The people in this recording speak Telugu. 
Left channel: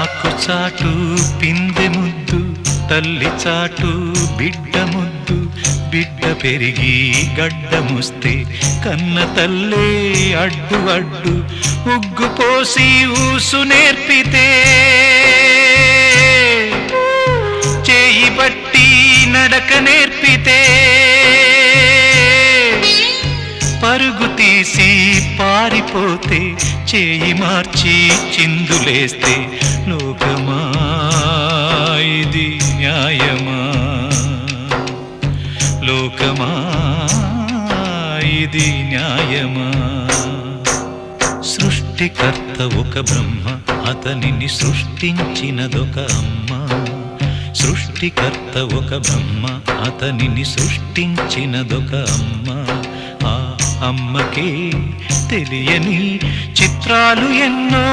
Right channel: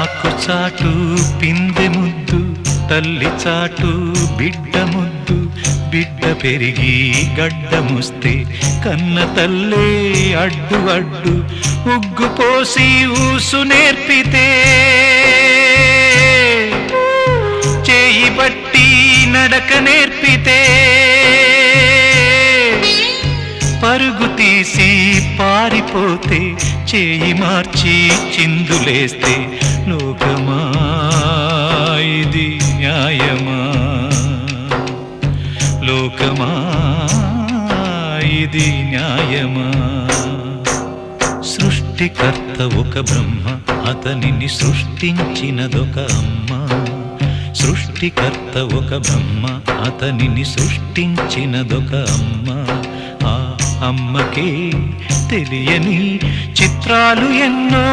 ఆకు చాటు పిందె ముద్దు, తల్లి చాటు బిడ్డ ముద్దు. బిడ్డ పెరిగి గడ్డముస్తే కన్న తల్లే అడ్డు అడ్డు. ఉగ్గు పోసి ఊసు నేర్పితే, చేయి బట్టి నడక నేర్పితే, పరుగు తీసి పారిపోతే, చేయి మార్చి చిందులేస్తే, లోకమా ఇది న్యాయమా? లోకమా ఇది న్యాయమా? సృష్టికర్త ఒక బ్రహ్మ, అతనిని సృష్టించినదొక అమ్మ. సృష్టికర్త ఒక బ్రహ్మ, అతనిని సృష్టించినదొక అమ్మ. ఆ అమ్మకే తెలియని చిత్రాలు ఎన్నో.